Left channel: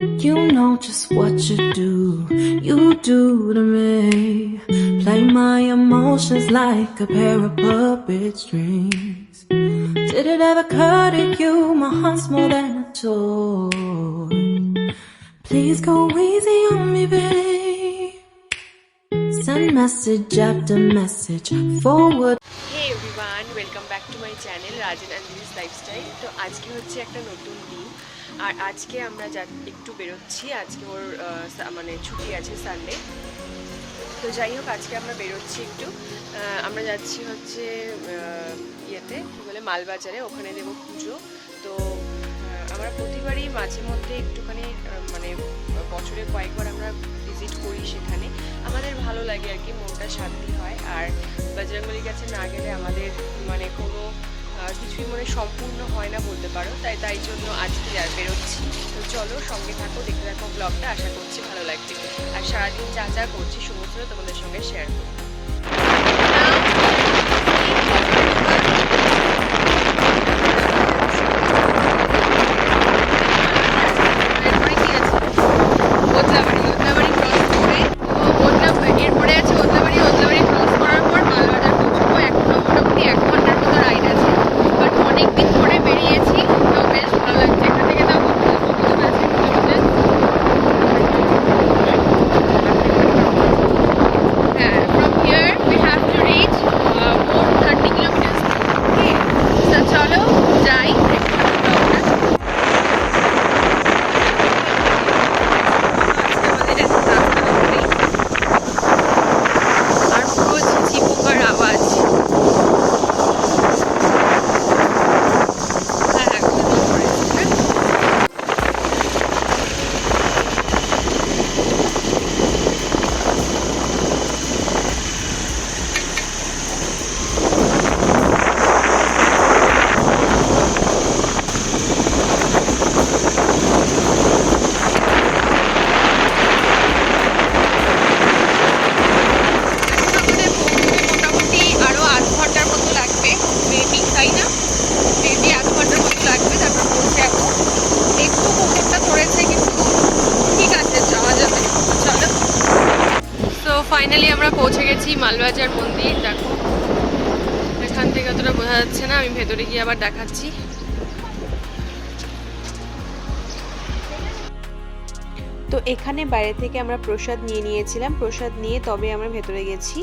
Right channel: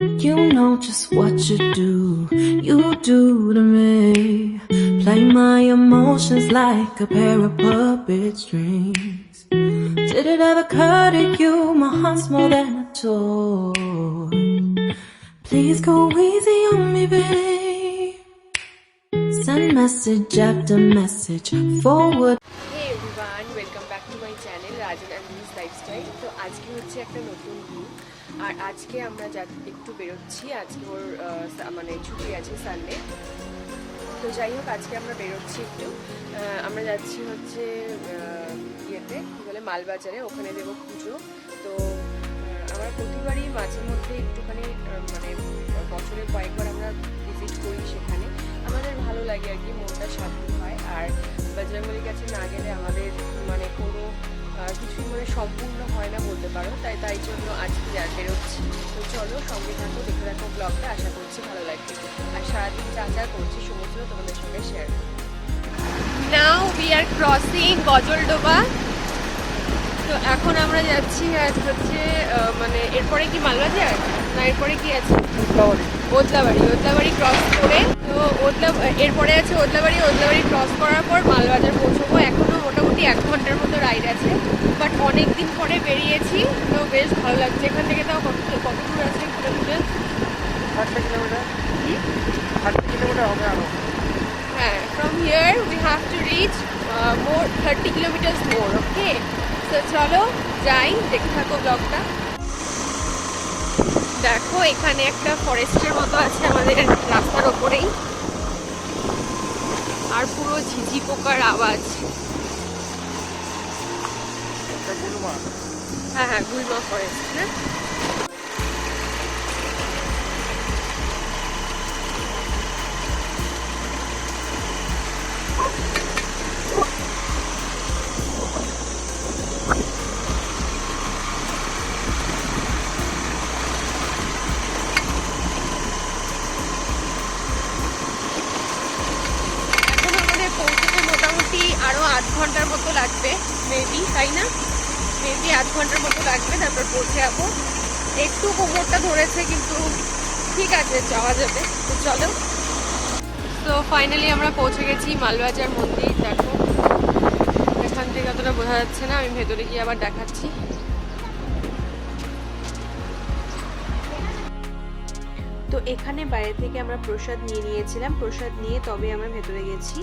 You know just what you do to me. Play my emotions like a pair of puppet strings. Did it ever occur to you my heart's more than a toy? Please go easy on me, babe. Send message after message forward. Hey everyone, welcome back to my channel Rajan Anjali's Lifestyle. তো আজকে হচ্ছে একটা নতুন দিন আর আজকে আমরা একটু বেরোচ্ছি। আজকে ওর মানে ছুটি আছে সানডে। তো যাই হোক আজকে আমরা বেরোচ্ছি একটু। আমরা যাচ্ছি হচ্ছে ইয়েতে কী বলে মালবাজারে, ওখানে দেবো পুজো। তো আমরা প্রতিবারই মাঝে মধ্যে একটুখানি মানে বছরে কয়েকবার আমরা ভিজিট করি সেখানে। আমাদের ভালো লাগে আর কি, মনটা শান্তি হয়। আর বজরংবলীর কাছে না গেলে আমাদের মানে কোনো কিছুই মানে সম্পূর্ণ হয় না বলতে পারো। তাই জন্য আজকে বেরোচ্ছি। তো চলো সঙ্গে থাকো, দেখতে থাকো ব্লগটা, আশা করছি ভালো লাগবে। আর সারাদিন যা যা করছি সমস্ত তোমাদের সঙ্গে শেয়ার করবো। Now we are crossing Bajardoba. এখন আমরা যাচ্ছি এরপরে কি মালবাজার, এরপরে কি আছে ওদলাবাড়ি ক্রস করে। তো এরপরে আছে ওদলাবাড়ি ক্রস করার পর মালবাজার পৌঁছবো। এখনো মোটামুটি 1 ঘন্টার মতো রাইড আছে, বাট অনেকদিন পরে বেরিয়েছি, তো বেশ ভালো লাগছে। এখান থেকে তাও কত দূর আছে কিলোমিটার? হ্যাঁ, from here we have to reach 30 kilometre more. Okay, তো চলো যাই, দেখতে হবে ব্লগটা। দেখো এখানে একটা ফরেস্টের মতো আছে আমাদের রাস্তার ওপরেই, আর পুরো ঝিঝি পোকার আওয়াজ। হ্যাঁ গুলমা ফরেস্ট না। ঘন্টার মতো লাগবে মেবি, তাই না? মেবি 8 ঘন্টার মতো লাগবে, তারপর পৌঁছে যাবো। একটু কুকুরটা ধরেছে কিন্তু ঠিক আছে, যাওয়া যাবে। চলো। তো ফাইনালি আমরা পৌঁছে গেছি মালবাজার মন্দির। দেখো এখান থেকে অতটা বোঝা যাচ্ছে না, আমি ভেতরে গিয়ে আবার দেখাচ্ছি। তো এখানে বাইরে থেকে আমরা প্রসাদ নিয়েছিলাম, প্রসাদ নিয়ে তবে আমরা ভেতরে গেছি।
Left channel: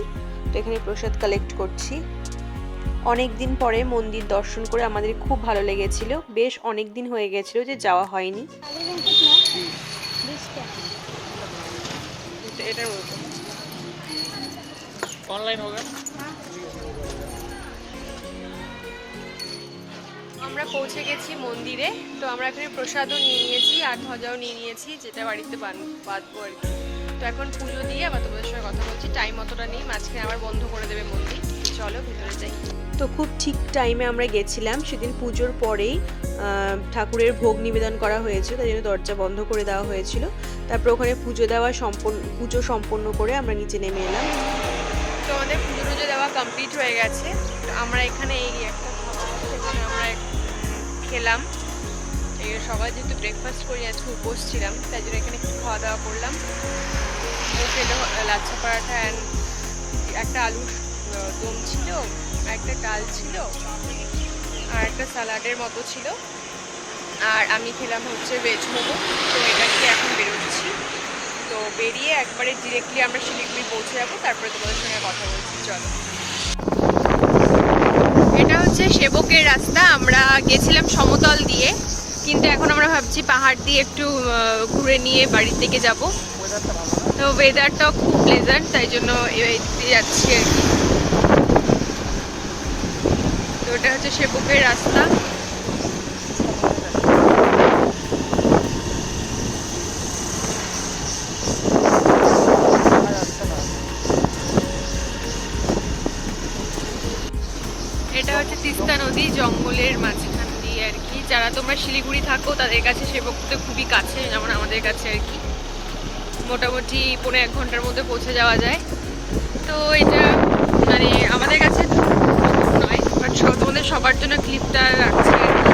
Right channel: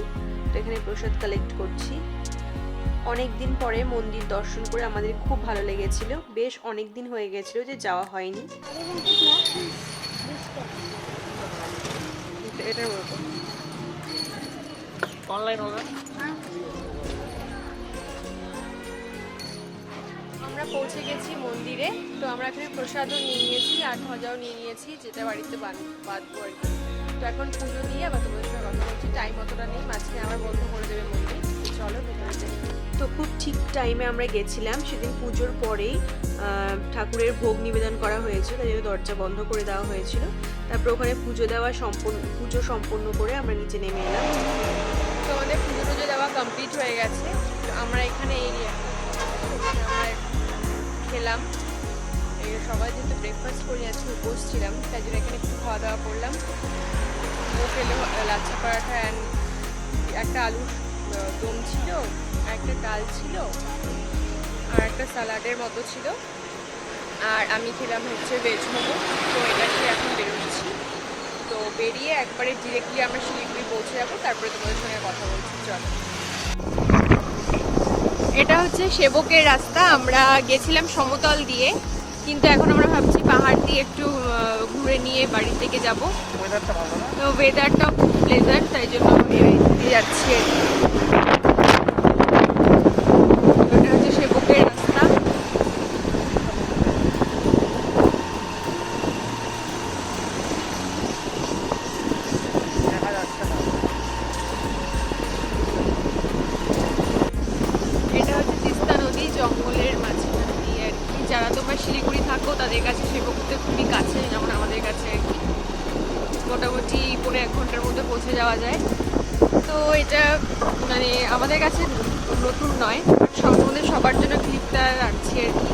তো এখানে প্রসাদ কালেক্ট করছি। অনেক দিন পরে মন্দির দর্শন করে আমাদের খুব ভালো লেগেছিল। বেশ অনেক দিন হয়ে গেছিল যে যাওয়া হয়নি। এটার মতো অনলাইন হবে। আমরা পৌঁছে গেছি মন্দিরে। তো আমরা এখানে প্রসাদও নিয়ে নিয়েছি আর ভাজাও নিয়ে নিয়েছি, যেটা বাড়িতে বাঁধবো আর কি। তো এখন পুজো দিয়ে আবার তোমাদের সঙ্গে কথা বলছি। টাইম অতটা নেই, মাঝখানে আবার বন্ধ করে দেবে মন্দির। চলো ভেতরে যাই। তো খুব ঠিক টাইমে আমরা গেছিলাম। সেদিন পুজোর পরেই ঠাকুরের ভোগ নিবেদন করা হয়েছে, তাই জন্য দরজা বন্ধ করে দেওয়া হয়েছিল। তারপর ওখানে পুজো সম্পন্ন করে আমরা নিচে নেমে এলাম। তো আমাদের পুজো দেওয়া কমপ্লিট হয়ে গেছে। তো আমরা এখানে আমরা খেলাম। এই সবাই যেহেতু ব্রেকফাস্ট করি, আজকে উপোস ছিলাম, তাই জন্য এখানে একটু খাওয়া দাওয়া করলাম। ও খেলো লাচ্ছা পরাঠা অ্যান্ড একটা আলুর দম ছিল, একটা ডাল ছিল, আর একটা স্যালাডের মতো ছিল। আর আমি খেলাম হচ্ছে ভেজ মোমো। তো এটা খেয়ে এখন বেরোচ্ছি। তো বেরিয়ে একবারে ডিরেক্টলি আমরা শিলিগুড়ি পৌঁছে যাবো, তারপরে তোমাদের সঙ্গে কথা বলছি। চলো। এটা হচ্ছে সেবকের রাস্তা। আমরা গেছিলাম সমতল দিয়ে, কিন্তু এখন আমরা ভাবছি পাহাড় দিয়ে একটু ঘুরে নিয়ে বাড়ির দিকে যাব। তো ওয়েদারটাও খুব প্লেজেন্ট, তাই জন্য এই যাচ্ছি আর কি। তো এটা হচ্ছে সেবকের রাস্তা। এটা হচ্ছে তিস্তা নদী, জঙ্গলের মাঝখান দিয়ে আর কি। যারা তোমরা শিলিগুড়ি থাকো তাদের কাছে সেবকটা খুবই কাছে, যেমন আমাদের কাছে আর কি। মোটামুটি 1.5 ঘন্টার মধ্যে পৌঁছে যাওয়া যায়। তো এটা মানে আমাদের কাছে নয়, বাট তোমাদের সবার জন্য ক্লিপটা রাখছি আর কি।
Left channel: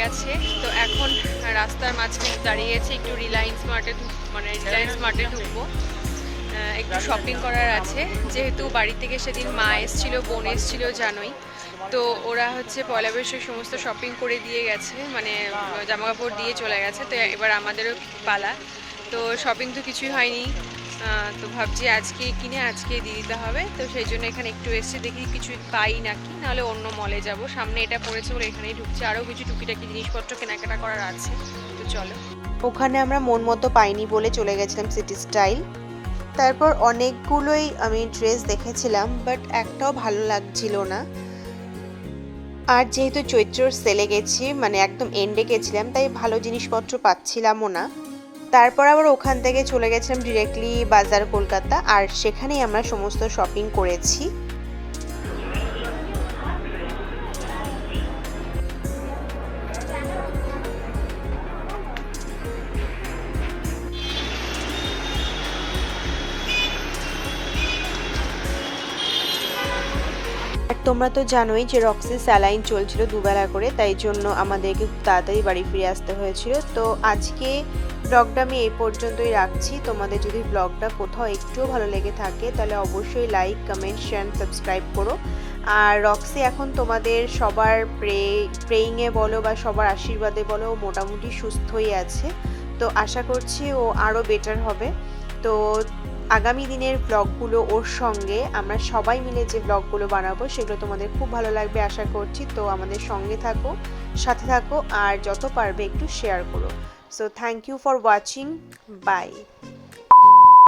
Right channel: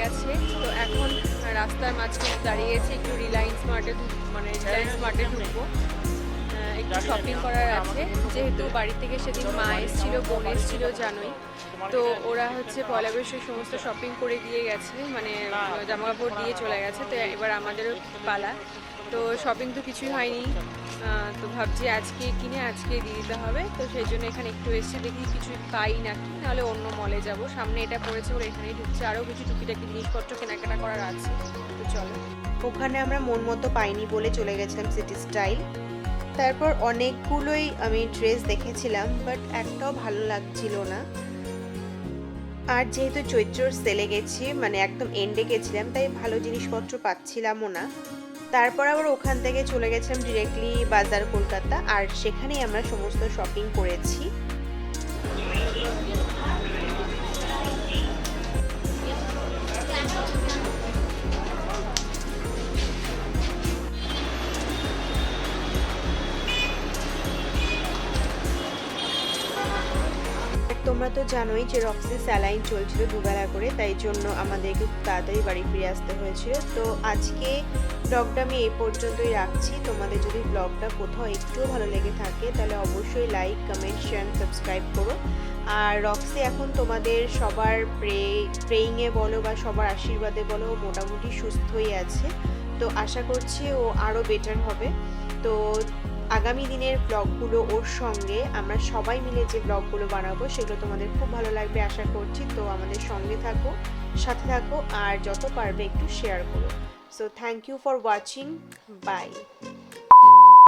গেছে। তো এখন রাস্তার মাঝখানে দাঁড়িয়েছে, একটু রিলায়েন্স মার্টে ঢুকবো, একটু শপিং করার আছে। যেহেতু বাড়ি থেকে সেদিন মা এসেছিলো, বোন এসেছিলো জানোই, তো ওরা হচ্ছে পয়লা বৈশাখ সমস্ত শপিং করে দিয়ে গেছে, মানে জামা কাপড় দিয়ে চলে গেছে। তো এবার আমাদেরও পালা। তো শপিং তো কিছুই হয়নি, তো ভাবছি আজকে কিনে আজকে দিয়ে দিতে হবে। তো সেই জন্য এখানে একটু এসে দেখি কিছু পাই নাকি, নাহলে অন্য মলে যাব। সামনে এটা পড়েছে বলে এখানেই ঢুকছে, আরও কিছু টুকিটাকি জিনিসপত্র কেনাকাটা করার আছে। তো চলো। ওখানে আমরা মন মতো পাইনি বলে চলে গেছিলাম সিটি স্টাইল। তারপর অনেকগুলোই আমি ড্রেস দেখেছিলাম, বাট একটাও ভালো লাগছিল না। আর যেহেতু চৈত্রর সেলে গেছি, মানে একদম এন্ডে গেছিলাম, তাই ভালো জিনিসপত্র পাচ্ছিলামও না। তারপর আবার ওখান থেকে চলে গেছিলাম ডিরেক্টলি বাজার কলকাতা, আর সেখানেই আমরা সমস্ত শপিং করেছি। তোমরা তো জানোই যে রক্সি স্যালাইন চলছিল দুবেলা করে, তাই জন্য আমাদেরকে খুব তাড়াতাড়ি বাড়ি ফিরে আসতে হয়েছিল। তো আজকে ব্লগটা আমি এই পর্যন্তই রাখছি। তোমাদের যদি ব্লগটা কোথাও একটুও ভালো লেগে থাকে তাহলে অবশ্যই লাইক, কমেন্ট, শেয়ার, সাবস্ক্রাইব করো। আর রক্সি এখন তোমাদের সবার প্রেইংয়ে বলো বা সবার আশীর্বাদে বলো মোটামুটি সুস্থই আছে। তো আশা করছি ও আরও বেটার হবে। তো আগামী দিনের ব্লগগুলো ওর সঙ্গে আমরা সবাই মিলে যে ব্লগগুলো বানাবো সেগুলো তোমাদের খুব ভালো লাগবে আশা করছি। তো আমাদের সঙ্গে থাকো, সাথে থাকো, আর যত পারবে একটু শেয়ার করো। So thank you for watching, by.